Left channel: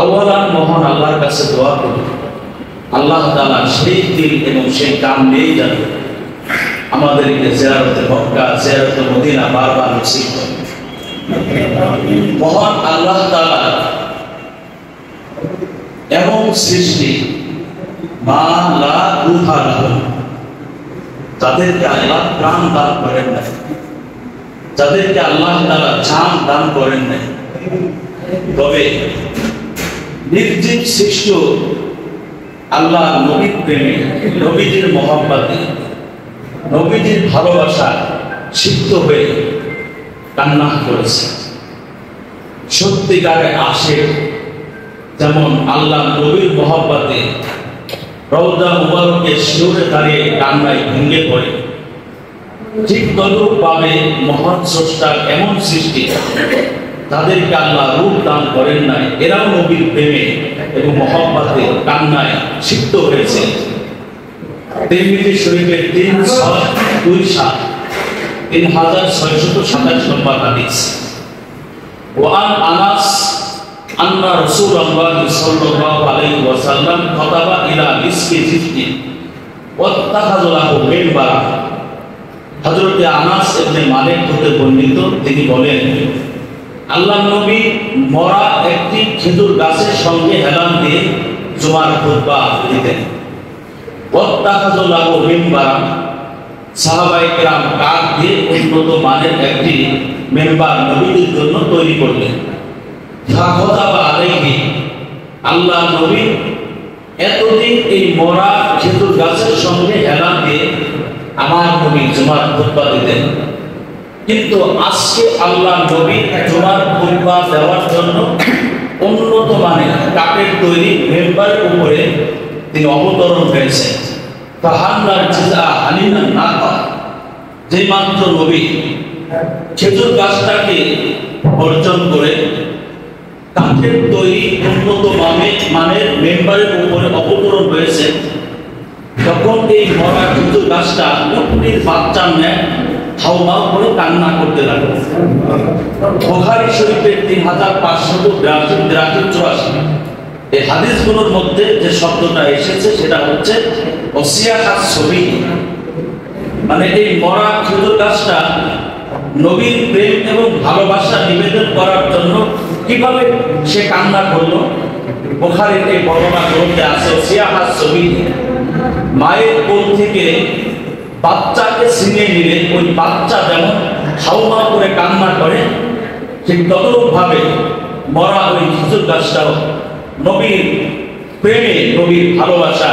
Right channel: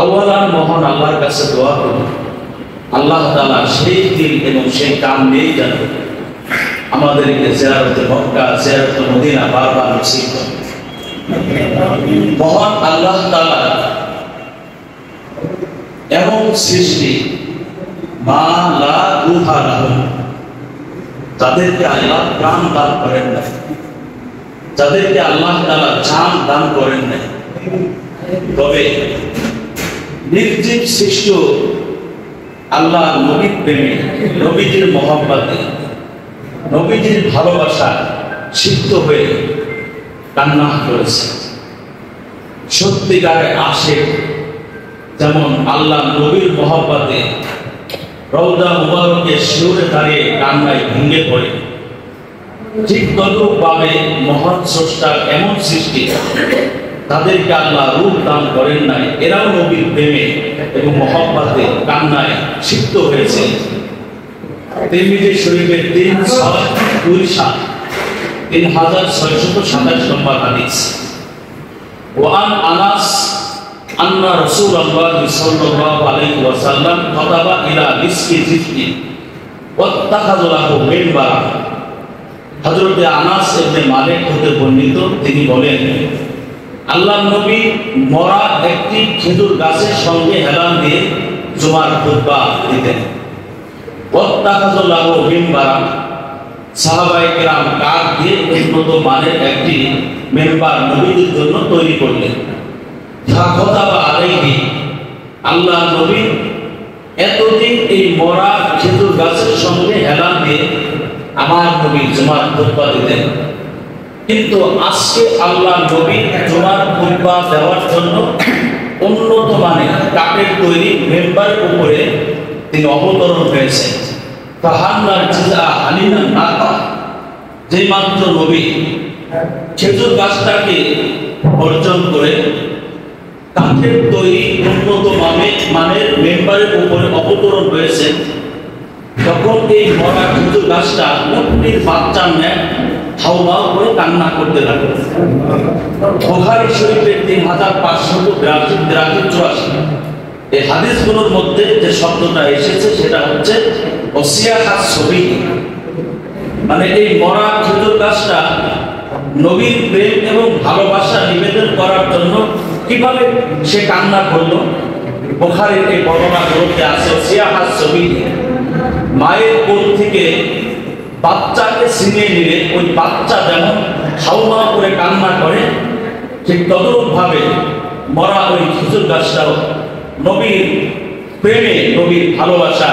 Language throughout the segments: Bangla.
আওয়ালান মহান আল্লাহর কাছে দোয়া করি, আল্লাহ তাআলা সেই দিল এবং সেই কান দিয়ে দেন আমাদেরকে জিয়ারতে মক্কা, জিয়ারতে মদিনা বারবার নসিব করেন। মহান আল্লাহ তাআলা এমন সৃষ্টি মা লা রূহা লাহু, তাদেরকে আল্লাহ প্রাণ দান করেন না, যাদেরকে আল্লাহ তাআলা জান দান করেন না। তবে নির্জীব সৃষ্ট আল্লাহ নবীর প্রেমে, নবীজির মহব্বতে, নবীজির ভালোবাসা সিক্ত হয়ে কান্না করেছে। সত্যিকারে আসে যেমন আল্লাহ নবীর মহব্বতে রওজা মুবারকে শিউরে দাঁড়িয়ে কান্নায় ভেঙে পড়ে, ঠিক তদ্রূপভাবে মহান স্রষ্টার এমন সৃষ্টি তাদেরকে আল্লাহ রূপ দান করেন নাই, এরাও নবীর প্রেমে এবং মহব্বতে কান্নায় সিক্ত হয়েছে। তিরমিজি শরীফের 3627 নম্বর হাদিস। ওয়ান আনাস আন্না রাসূলুল্লাহ সাল্লাল্লাহু আলাইহি ওয়াসাল্লাম কাতাবা ইলা মিসকি জিফতি ওয়াত্তাখাযু লাহু মিনবারা। হযরত আনাস ইবনে মালিক হতে বর্ণিত, তিনি বলেন আল্লাহ নবী মরা একটি খেজুর গাছের সঙ্গে হেলান দিয়ে জুমার খুতবা দিতেন। ওয়াত্তাখাযু লাহু মিনবারা, সাহাবায়ে কেরাম কাঠ দিয়ে উন্নত মানের একটি মিনবার নবীর জন্য তৈরি করতেন। আল্লাহ নবী এতদিন এই মরা খেজুর গাছের সঙ্গে হেলান দিয়ে আমার নবী জুমার খুতবা দিতেন, কিন্তু আজকে আল্লাহ নবী জুমার খুতবা দেওয়ার জন্য উন্নত মানের কাঠের তৈরি মেম্বারের উপরে তিনি অবতরণ করেছেন। ফাহান্নার জিজা হালিমান নাকা, যে মাত্র নবী খেজুর গাছটাকে বর্জন করে কাঠের তৈরি উন্নত মানের মেম্বারের উপরে অবতরণ হয়েছে, তখন এই মরা খেজুর গাছটা অগ্নির বাচ্চার ন্যায় হাওয়া করে কান্না করতে লাগে। বুখারী শরীফের 3584 এই হাদিসগুলোর মধ্যে যে শব্দটা এসেছে সেটা হচ্ছে ওসিয়াহাত ছবি, মানে এই মরা খেজুর গাছটা নবীর প্রেম এবং ভালোবাসা নিবেদন করার জন্য কিভাবে সে কান্না করলো। বুখারীর এই বর্ণনাগুলোতে আছে ওসিয়াহাত ছবি, মায়ের কোল থেকে বাচ্চাকে ছিনিয়ে নিলে ওই বাচ্চা যেমন হাওয়া করে কান্না করে, ঠিক তদ্রূপভাবে মরা ওই খেজুর গাছটাও নবীর প্রেমে, নবীর ভালোবাসা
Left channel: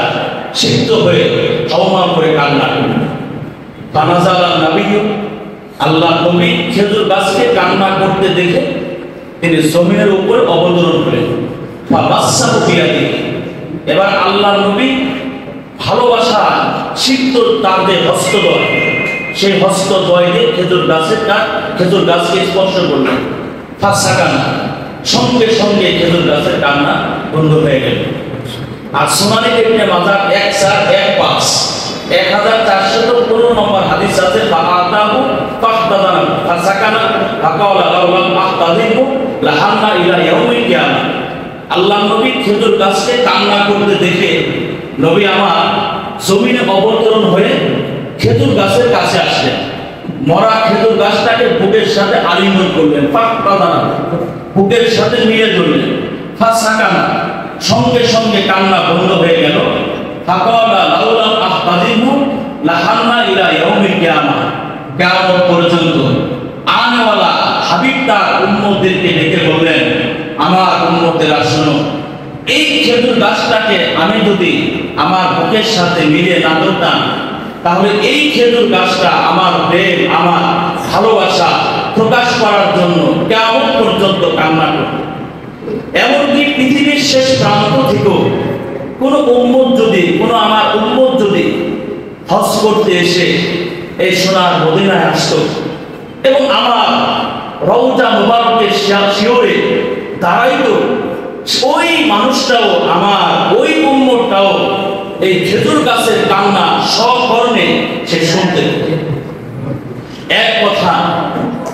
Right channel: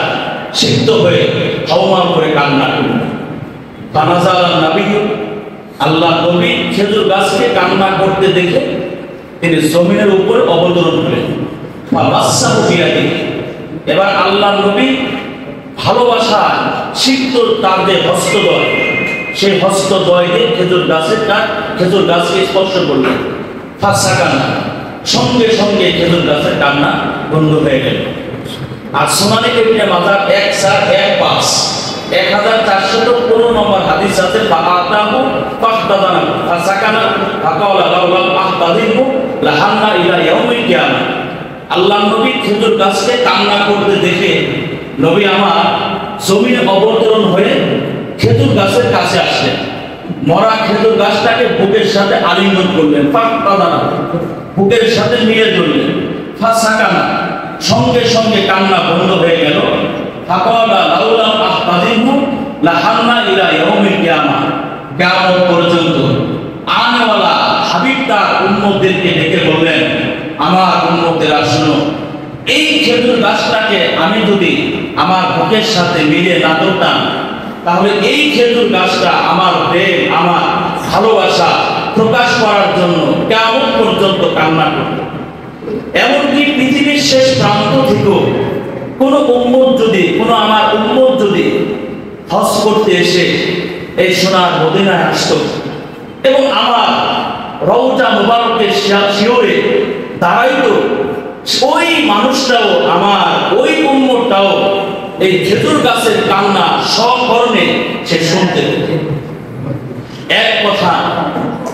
সিক্ত হয়ে হাওয়া করে কান্না করে। ফানাজালা নবীও, আল্লাহ নবী খেজুর গাছকে কান্না করতে দেখে তিনি জমিনের উপর অবতরণ করেন। এবার আল্লাহ নবী ভালোবাসা সিক্ত কাঁধে হস্ত বয়, সেই হস্ত বয়ে খেজুর গাছকে স্পর্শ করলেন। সঙ্গে সঙ্গে খেজুর গাছের কান্না বন্ধ হয়ে গেল। আর সোনালী ইবনে মাজাহ 1415 নম্বর হাদিস আছে, ফাআতাহু ফাহতাদানা ফাসাকানা ফাকালা লাউলা ফাহতাদিহু লাহান্না ইলা ইয়াউমিল কিয়ামা। আল্লাহ নবী খেজুর গাছকে কান্না করতে দেখে নবী আমার জমিনে অবতরণ হয়ে খেজুর গাছের কাছে আসলেন, মরা খেজুর গাছটাকে বুকের সাথে আলিঙ্গন করলেন, ফাহতাদানা বুকের সাথে নিয়ে ধরলেন, ফাসাকানা সঙ্গে সঙ্গে কান্না বন্ধ হয়ে গেল। ফাকালা লাউলা ফাহতাদিহু লাহান্না ইলা ইয়াউমিল কিয়ামা, কিয়ামত পর্যন্ত আনাওয়ালা হাবিব তার উম্মতদেরকে ডেকে বললেন, আমার উম্মতেরা শোনো, এই খেজুর গাছটাকে আমি যদি আমার বুকের সাথে মিলিয়ে না ধরতাম, তাহলে এই খেজুর গাছটা আমার প্রেম, আমার ভালোবাসা প্রকাশ করার জন্য কিয়ামত পর্যন্ত কান্না করত। এমনকি পৃথিবীর শেষ প্রান্ত থেকেও কোন উম্মত যদি, আমার উম্মত যদি হজ করতে এসে এই সোনার মদিনায় আসতো এবং আমার রওজা মুবারকে শিওরে দাঁড়াইতো, ওই মানুষটাও, আমার ওই উম্মতটাও এই খেজুর গাছের কান্না সব ধরনের সে শুনতে। এক কথা,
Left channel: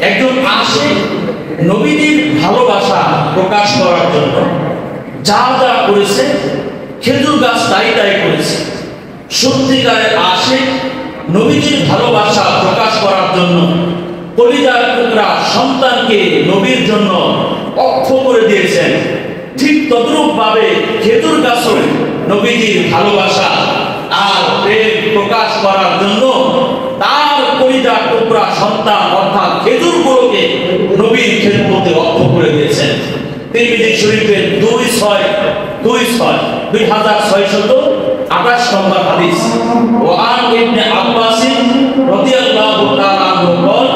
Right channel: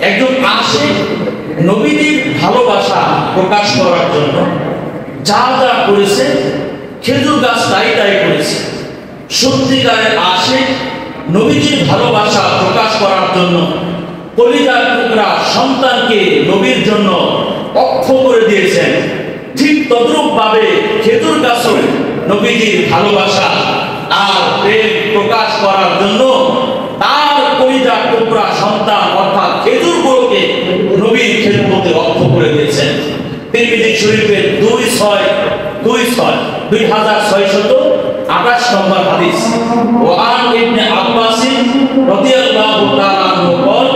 একজন আসে নবীজির ভালোবাসা প্রকাশ করার জন্য, যা যা করেছে খেজুর গাছ তাই তাই করেছে। সত্যিকারের আসে নবীজির ভালোবাসা প্রকাশ করার জন্য কলিজার টুকরা সন্তানকে নবীর জন্য অক্ষ করে দিয়েছেন। ঠিক তদ্রূপ ভাবে খেজুর গাছও নবীজির ভালোবাসা আর প্রেম প্রকাশ করার জন্য তার কলিজার টুকরা সন্তান অর্থাৎ খেজুরগুলোকে নবীর খেদমতে অক্ষ করে দিয়েছেন। তিরমিজি শরীফের 2628 নম্বর হাদিস। ওয়ান ইবনে আব্বাস রাদিয়াল্লাহু তাআলা আনহু বলেন,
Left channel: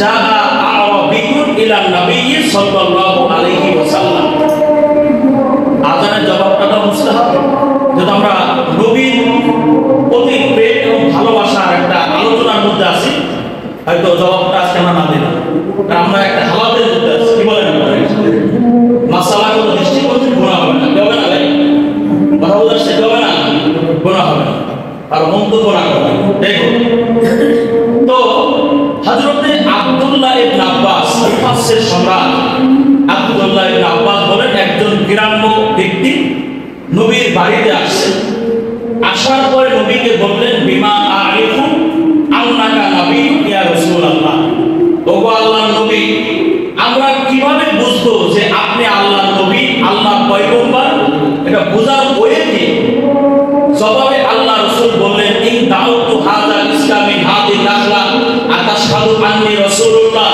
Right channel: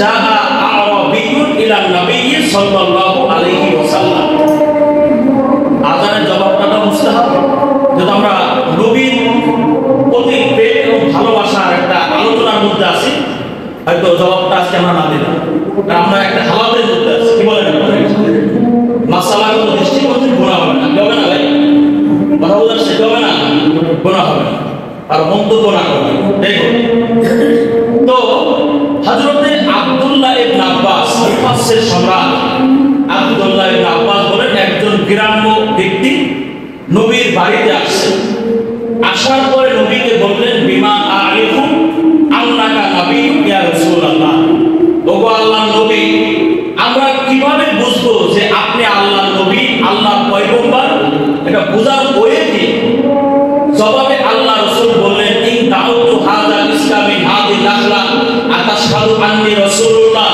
জাআ আরাবিয়্যুন ইলা নবী সাল্লাল্লাহু আলাইহি ওয়াসাল্লাম। আযানের জবাবটা মুস্তাহাব, যেন আমরা নবীর প্রতি প্রেম ও ভালোবাসার একটা আলোচনার মধ্যে আছি। হয়তো জবাবটা আজকে আমরা না দিলাম, আমরা একটা হালাতের মধ্যে আছি। কি মনে হয় মাসালাগুলো নিশ্চিত করতে গুনাহ হবে না, হবে না ভাই? কথা বলার সে হবে না, গুনাহ হবে না, আর মন্তব্য না হবে। দেখো তো হযরতে আব্দুল্লাহ ইবনে আব্বাস তাফসীর সম্রাট আব্দুল্লাহ ইবনে আব্বাস হলেন একজন গ্রাম্য ব্যক্তি। নবীর বাড়িতে আসছে, আসার পর নবীকে বললেন, বিমা আরিফু আল্লাহা নবিয়্যু ইয়া রাসূলুল্লাহ। ওগো আল্লাহর নবী, আমরা কিভাবে বুঝবো যে আপনি আল্লাহর নবী, আল্লাহর পয়গম্বর? এটা বোঝার উপায় কি? জবাবে আল্লাহ রাসূল বললেন, ইন দাউতু হাযা ইসলামি হাযিল লাহলা আতাশহাদু আন্নী রাসূলুল্লাহ।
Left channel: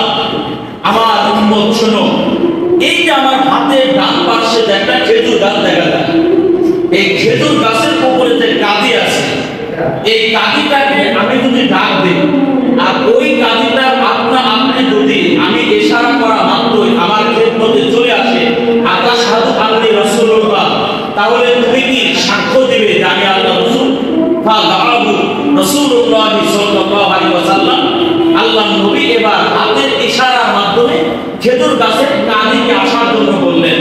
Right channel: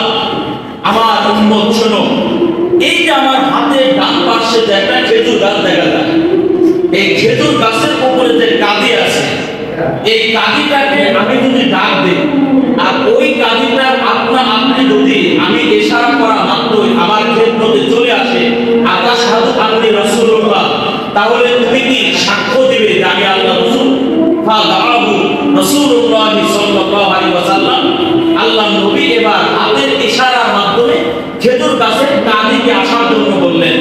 আমার উম্মত শোনো, এই যে আমার হাতে ডান পাশে একটা খেজুর গাছ দেখা যায়, এই খেজুর গাছের উপরে যে কাঁদি আছে, এই কাঁদিটাকে আমি যদি ডাক দিই আর ওই কাঁদিটার আপনি যদি আমি ইশারা করা মাত্রই আমার খেদমতে চলে আসে আতাশহাদু আন্নী রাসূলুল্লাহ, তাহলে তুমি কি সাক্ষ্য দেবে যে আমি আল্লাহর রাসূল? ফাদাআহু রাসূলুল্লাহ সাল্লাল্লাহু আলাইহি ওয়াসাল্লাম। আল্লাহর নবী এবার হাতের ইশারার মাধ্যমে খেজুর গাছের কাঁদিকে আসার জন্য বললেন।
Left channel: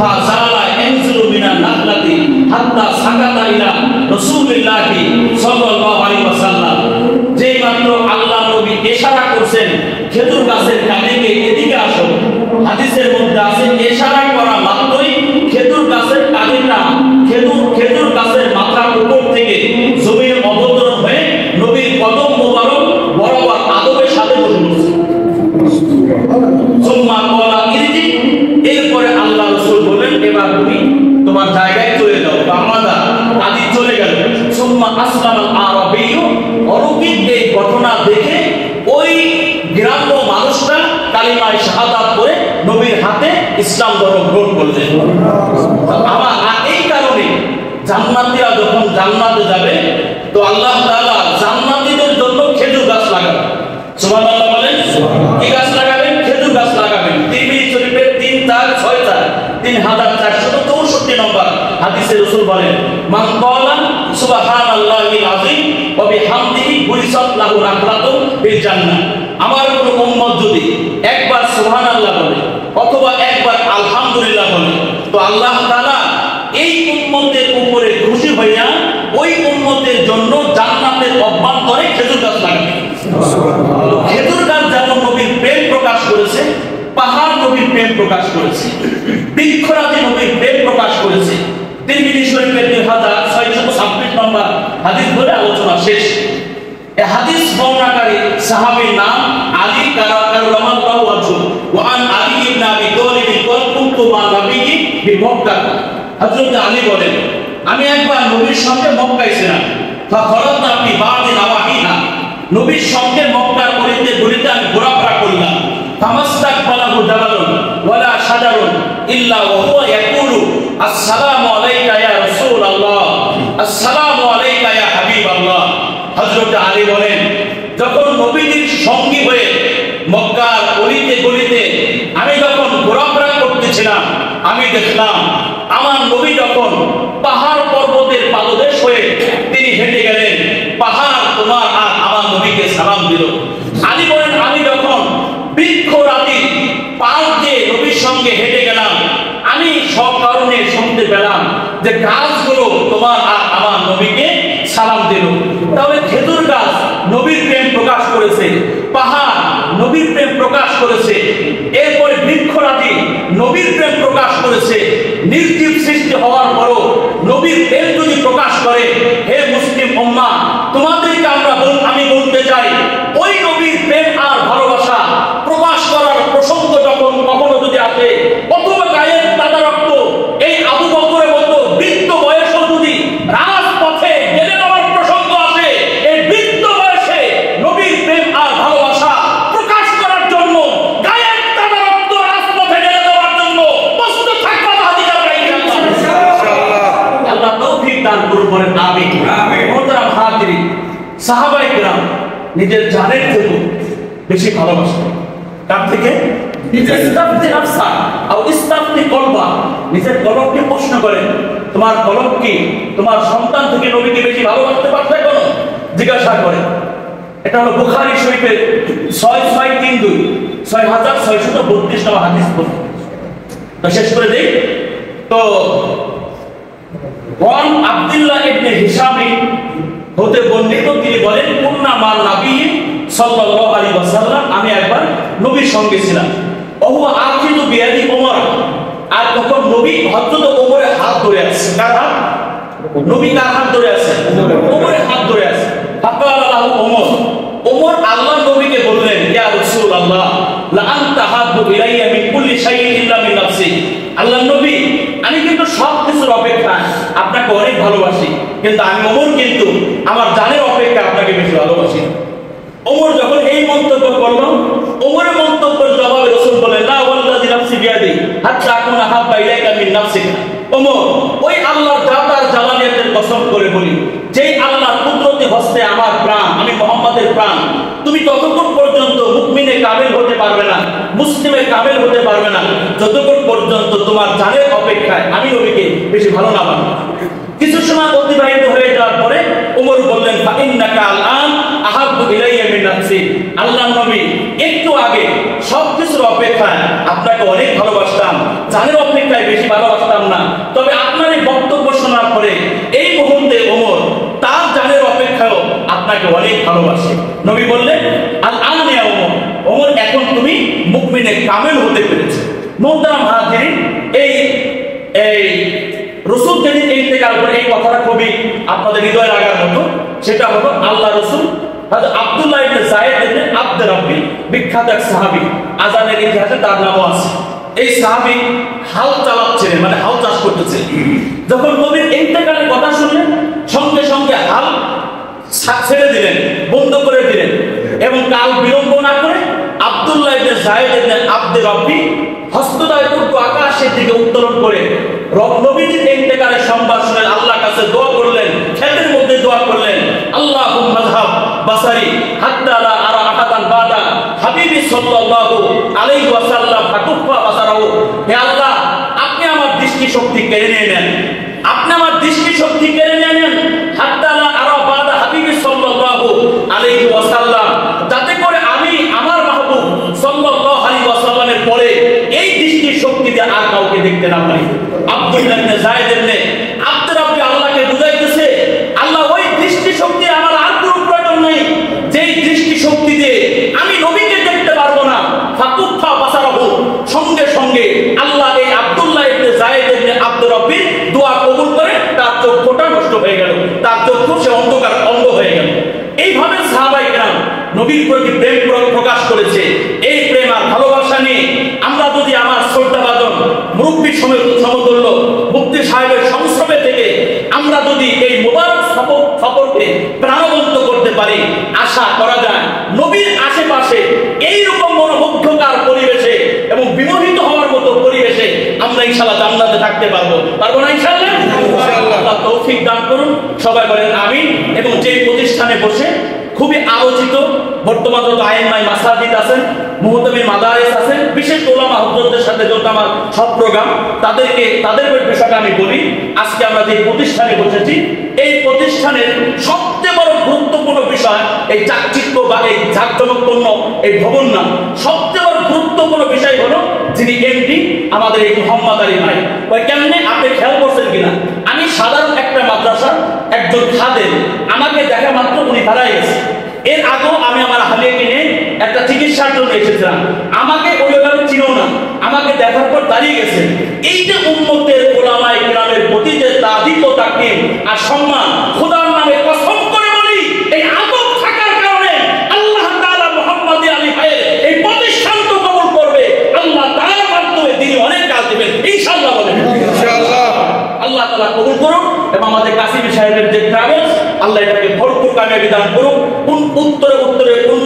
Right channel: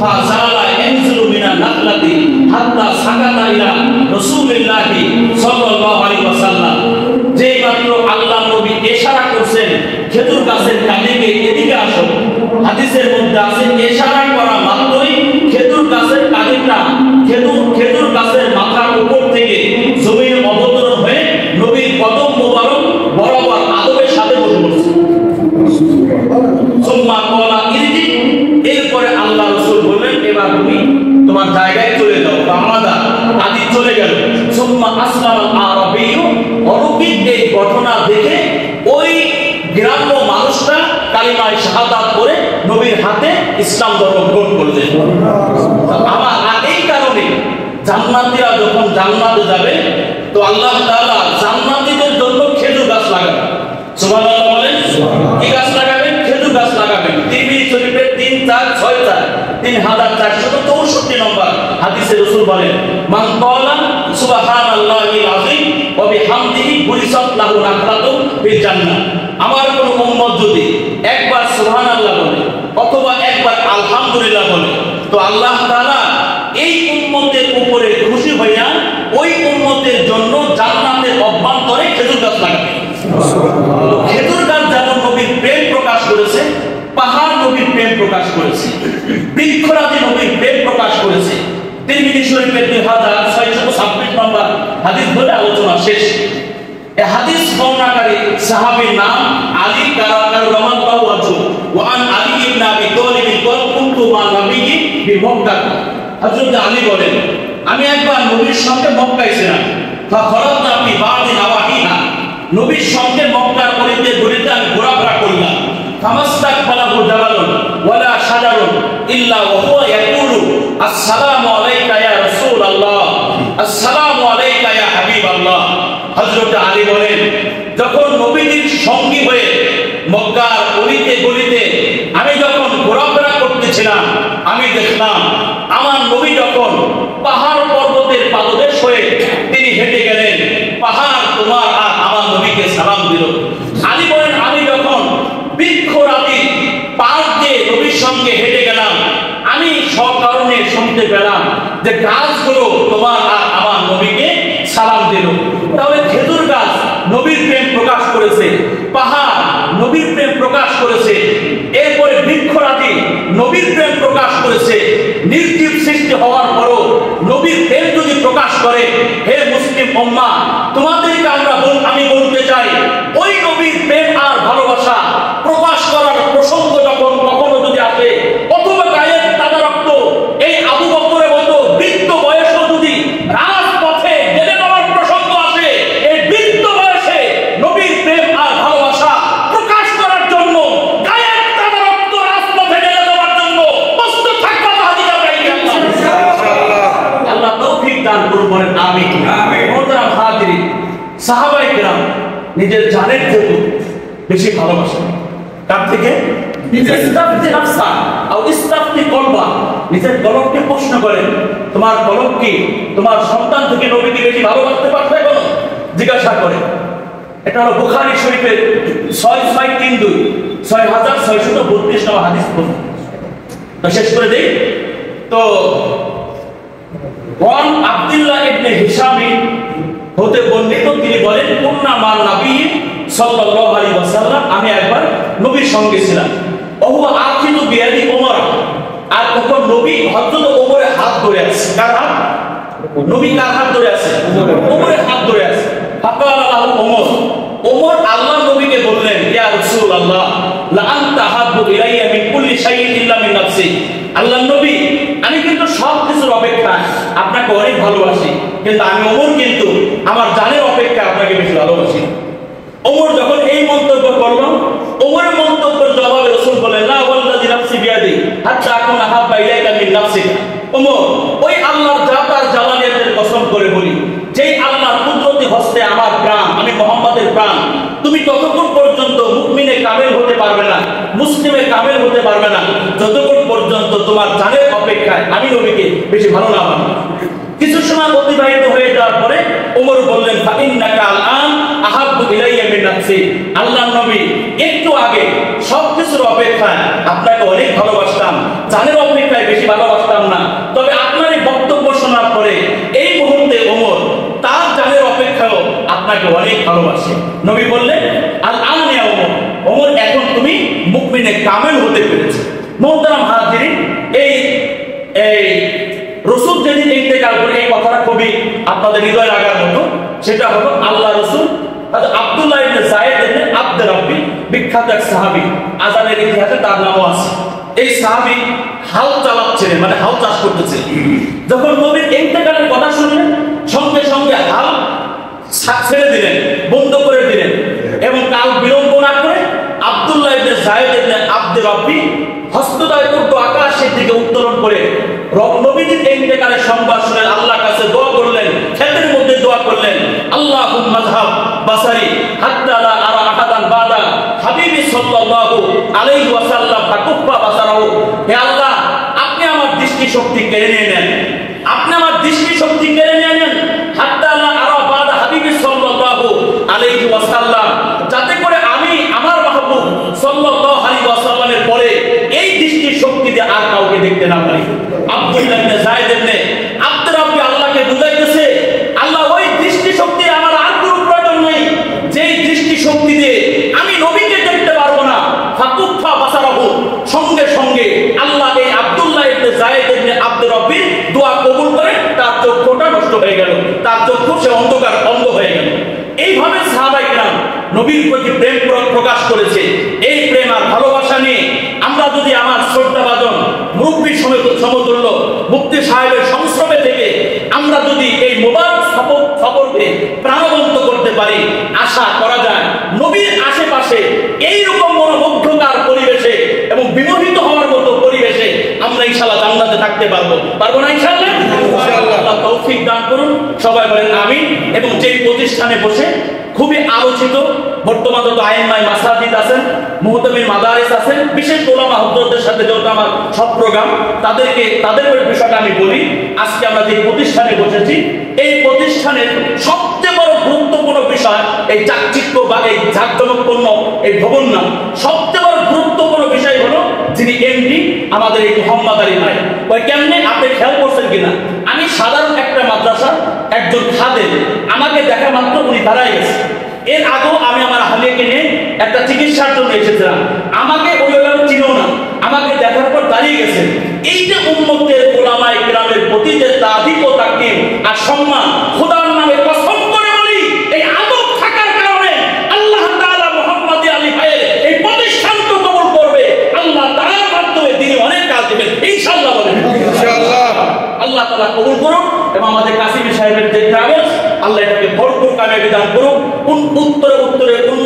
ফাযালা ইয়ানজুলু মিনান নাখলাতি হাত্তা সাকাতা ইলা রাসূলিল্লাহি সাল্লাল্লাহু আলাইহি ওয়াসাল্লাম। যেই মাত্র আল্লাহর নবী ইশারা করছেন খেজুর গাছের কাঁদিকে এদিকে আসো, হাদিসের মধ্যে আছে ইশারা করা মাত্রই খেজুর গাছের কাঁদিটা খেজুর গাছের মাথার উপর থেকে জমির অবতরণ হয়ে নবীর কদম মোবারক বরাবর আদবের সাথে বসে। এরপরে আল্লাহ রাসূল বলেন, এবার তুমি তোমার জায়গায় চলে যাও। বামাদা কাঁদি চলে গেল। সুম্মা আসলামাল আরাবিয়্যু। অলৌকিক এই ঘটনা দেখে ওই গ্রাম্য মানুষটা কালিমায়ে শাহাদাত করে নবীর হাতে ইসলাম ধর্ম গ্রহণ করলেন। আমার এই কারণে জান্নাতীরা যখন জান্নাতে যাবে তো আল্লাহ তাআলা জান্নাতীদের জন্য খেজুর গাছ লাগাবেন। সুবহানাল্লাহ বলেন, কি গাছ লাগাবেন? খেজুর গাছ লাগাবেন। তিরমিজি শরীফের 3464 নম্বর হাদিসে রাসূল বলেন, মান ক্বালা সুবহানাল্লাহিল আযীম ওয়া বিহামদিহি বুরিসাত লাহু রাহমাতু ফিল জান্নাহ। আমার কোন উম্মত যদি একবার সুবহানাল্লাহ বলে অথবা একবার আলহামদুলিল্লাহ বলে তো আল্লাহ তাআলা এই উম্মতের উপরে খুশি হইয়া ওই উম্মতের জন্য জান্নাতের অভ্যন্তরে খেজুর গাছ লাগাবেন। খেজুর গাছ যারা নবীর প্রেম প্রকাশ করেছে, পাহাড় নবীর প্রেম প্রকাশ করেছে, বৃক্ষরাজি নবীর প্রেম প্রকাশ করেছে। তিরমিজি শরীফের 2626 নম্বর হাদিস বলে আলোচনা শেষ। এই হাদিস বর্ণনাকারী সাহাবীর নাম আলী রাদিয়াল্লাহু আনহু। ওয়া আন আলী ইবনে আবি তালিব কুনতু মা নবিয়্যি বিমক্কা। হযরত আলী বলেন, আমি একবার নবীর সঙ্গে মক্কায় ছিলাম। ফাফারাতনা ফি বাদি নাওয়াহিহা। নবীর সঙ্গে মক্কার গলিতে আমি ঘোরাফেরা করলাম। তামাসসাক ফালাহু জাবালুন ওয়ালা শাজারুন ইল্লা হুয়া ইয়াকুলু আসসালামু আলাইকা ইয়া রাসূলুল্লাহ, আসসালামু আলাইকা ইয়া হাবিবাল্লাহ। হযরত আলী বলেন, যখন নবীর সঙ্গে হয়ে মক্কার গলিতে আমি যখন ঘোরাফেরা করতেছিলাম, আমি দেখলাম আমার নবী যখন পাহাড় পর্বতের পাদদেশ হয়ে তিনি হেঁটে গেলেন, পাহাড় তোমার আর আমার নবীকে সালাম দিল। আলী বলেন, আমি যখন বৃক্ষরাজি পাহাড় দিয়ে নবীর সঙ্গে হেঁটে গেলাম, আমি সব কারণে শুনতে পেলাম যে গাছগুলো তোমার আর আমার নবীকে সালাম দিল। তাহলে খেজুর গাছ নবীর প্রেম প্রকাশ করেছে, পাহাড় নবীর প্রেম প্রকাশ করেছে, এরপরে বৃক্ষরাজি নবীর প্রেম প্রকাশ করেছে, নির্জীব সৃষ্টি হওয়ার পরও নবীর প্রেম যদি প্রকাশ করে, হে মুসলিম উম্মাহ, তোমাদেরকে আমি বলতে চাই, ওই নবীর প্রেম আর ভালোবাসা প্রকাশ করার প্রসঙ্গ যখন কখনো যদি আসে, অথবা গায়ের টানা রক্ত এই আবু বকরের মতো বৃদ্ধ বয়সে যদি রাজপথে জেলে যাওয়ার প্রসঙ্গ আসে, এই বৃদ্ধ বয়সে নবীর প্রেম আর ভালোবাসা প্রকাশ করার জন্য গায়ের টানা রক্ত রাজপথে জেলে যাওয়ার জন্য প্রস্তুত থাকবা। আল্লাহ তৌফিক দান করুন। আমিন। মুহতারাম হাজিরিন, সাহাবায়ে কেরাম নিজের জানের থেকে বেশি ভালোবাসেন। তার থেকে নিজের কলমকে প্রশ্ন করেন, তোমার কলম কি তোমার সন্তান থেকে নবীকে বেশি ভালোবাসতে পারবে? কেন জিজ্ঞাসা করে। এটা হলো বুখারী শরীফের 6632 নম্বর হাদিস। তো শেষ করে দিই। তো ওয়ান আব্দুল্লাহ ইবনে হিশাম হতে বর্ণিত, তিনি বলেন, কুন্না মান নবী সাল্লাল্লাহু আলাইহি ওয়াসাল্লাম, আমি একবার নবীর সঙ্গে ছিলাম। ওহুয়া আখিযু বিয়াদি ওমর, আর তখন নবী হযরত ওমরের হাত ধরে আছে। কার হাত? নবী কার হাত ধরে আছে? ওমরের হাত ধরে আছে। ফাকালা লাহু ওমর, ওমর আল্লাহর নবীকে বললেন, ইয়া রাসূলুল্লাহ, লা আনতা হাব্বু ইলাইয়া মিন কুল্লি শাইইন ইল্লা মিন নাফসি। আল্লাহর নবী, আমি কিন্তু সব কিছুর অপেক্ষা আপনাকে অনেক ভালোবাসি, কিন্তু আমি ওমর কিন্তু আমার জানের অপেক্ষা আপনাকে বেশি ভালোবাসি। ওমর যখন এই মন্তব্য করল, ওমরের মন্তব্যের জবাবে রাসূল বলেন, লা ওয়াল্লাযী নাফসি বিয়াদি হাত্তা আকুনা হাব্বা ইলাইকা মিন নাফসিক। ওমর, ওই আল্লাহ তাআলার জালালের কসম করে বলি, যে আল্লাহর কুদরতি হস্তে আমার প্রাণ, আমি মুহাম্মাদের প্রাণ, তুমি ততক্ষণ পর্যন্ত মুমিনে কামেল হতে পারবে না, মুসলিমে কামেল হতে পারবে না, যতক্ষণ পর্যন্ত তোমার জানের অপেক্ষায় আমি নবীকে বেশি ভালো না মানো। কিছু সময় অতিবাহিত হয়ে যাওয়ার পরে ওমর বললেন, ফাইন্নাকা আন আহাব্বু ইলাইয়া মিন নাফসি। আল্লাহর নবী, একটু আগে সবকিছুর অপেক্ষায় আপনাকে অনেক ভালোবাসতাম, জানের অপেক্ষায় বেশি ভালোবাসতাম না, তবে আপনার এই বক্তব্য শোনার পরে এই মুহূর্তে ওমর তার জানের অপেক্ষায়ও আপনাকে অনেক ভালোবাসে। নবী বললেন, আল আন ইয়া ওমর, ওমর এখন তুমি মুমিনে কামেল হতে পেরেছো। মুহতারাম হাজিরিন, এই রাসূল যিনি ইন্তেকাল করে, এই কথাটা খুবই আপনাদের হৃদয়ে লাগার মতো। সেটা হলো আল্লাহ রাসূল হযরত আব্দুল্লাহ ইবনে যায়েদ ইবনে আব্দ রাব্বি, বিখ্যাত এক সাহাবী, আযানের ইতিহাসে তার নাম আছে। এই সাহাবী হাল চালাচ্ছেন, মানে হাল চাষ করতেছেন। যখন নবীর ইন্তেকালের কথা শুনলেন, সঙ্গে সঙ্গে হাল ছেড়ে দিলেন, বন্ধ করে দিলেন, এবং কাল বিলম্ব না করে আব্দুল্লাহ ইবনে যায়েদ ইবনে আব্দ রাব্বি হস্তদ্বয় করতে আকাশের থেকে উত্তোলন করে নবীর ইন্তেকালের সংবাদ শুনে আল্লাহর কাছে দোয়া করলেন, ক্ষেতের মধ্যে দোয়া করলেন, আল্লাহুম্মা হাব বাসারি হাত্তা লা আরা আবাদান বাদা হাবিবি সাল্লাল্লাহু আলাইহি ওয়াসাল্লাম ফাকুফা বাসারু। হে আল্লাহ, আপনি আমার দৃষ্টি শক্তি কেড়ে নিয়ে নেন, আপনি আমার দৃষ্টি শক্তি কেড়ে নিয়ে নেন, হাত্তা লা আরা বাদা হাবিবি সাল্লাল্লাহু আলাইহি ওয়াসাল্লাম, যাতে করে আমি আমার মাহবুব সাল্লাল্লাহু আলাইহি ওয়াসাল্লামের পরে এই দৃষ্টি শক্তি দিয়ে আর কাউকে দেখতে না পারি। আব্দুল্লাহ ইবনে যায়েদ ইবনে আব্দ রাব্বি আল্লাহকে বুঝাইতেছে, আল্লাহ, ওই দৃষ্টি শক্তি আমার আর কোনো প্রয়োজন নেই, যেই দৃষ্টি শক্তি দিয়ে আমি নবীকে দেখতে পারবো না। ফাকুফা বাসারাহু, সঙ্গে সঙ্গে আল্লাহ এই আব্দুল্লাহ ইবনে যায়েদ ইবনে আব্দ রাব্বি দোয়া কবুল করে তার চক্ষুটা নষ্ট হয়ে গেল, তার চক্ষু সে অন্ধ হয়ে গেল। এইভাবে সাহাবায়ে কেরাম নবীর প্রতি প্রেম প্রকাশ করেছে। এই প্রেম আর ভালোবাসা নিয়ে আমরা যদি আমার শ্রদ্ধাভাজন মুরব্বী সমতুল্য মুফতি সাহেবের সংস্রবে থেকে আমরা যদি এই মুবারক সফরকে প্রাণবন্ত করতে পারি, আশা করা যায় নবীর আশেপাশে এইরকম মনোমুগ্ধকার পরিবেশে এবং বিমোহিত হওয়ার মতো পরিবেশে আমরা ইনশাআল্লাহ জান্নাতে থাকতে পারবো না ইনশাআল্লাহ? আল্লাহ তৌফিক দান করুন, সবাই বলেন আমিন। এবং যে প্রতিষ্ঠানে বসে খুবই আলোচিত, বর্তমান যত আইনমাই মাসাজিদ আছেন, মুহতামির মাদারিস আছেন, বিশেষ ওলামা হযরতদের সাথে যত আমার সব প্রোগ্রাম, তাদের বিষয়টা আমি বলি। আজকে আমরা যে প্রতিষ্ঠানে বসেছি, এই প্রতিষ্ঠানের সবচেয়ে বড় গুরুত্বপূর্ণ বিষয় এই চাকচিক্য বা এই জাঁকজমকপূর্ণ এই ভবন না, সবচেয়ে বড় গুরুত্বপূর্ণ বিষয় হলো যিনি এমডি আমাদের এই মোহাম্মদ আলী ভাই। ওই কেমনে আপনি খেয়াল করছেন কিনা, আমি সাধারণ একটা মাদ্রাসার একজন খাদেম, আমাকে দেখা মাত্র উনি দাঁড়ায় গেছে। এর আগেও আমি আমার হাদিয়াকে নিয়ে একটা চিকিৎসার জন্য এসেছিলাম, আমাকে ওইভাবে চিনো না, আমাকে দেখার পর দাঁড়িয়ে গেছে। এই যে উম্মতের ওলামায়ে কেরামের তাআলা কবুল করুন এবং আমাদের কাসিম সাহেবের যে কাগজ আল্লাহ এটাকে ভরপুর কামিয়াবি দান করুন। কোন উত্তরে উত্তরে কোন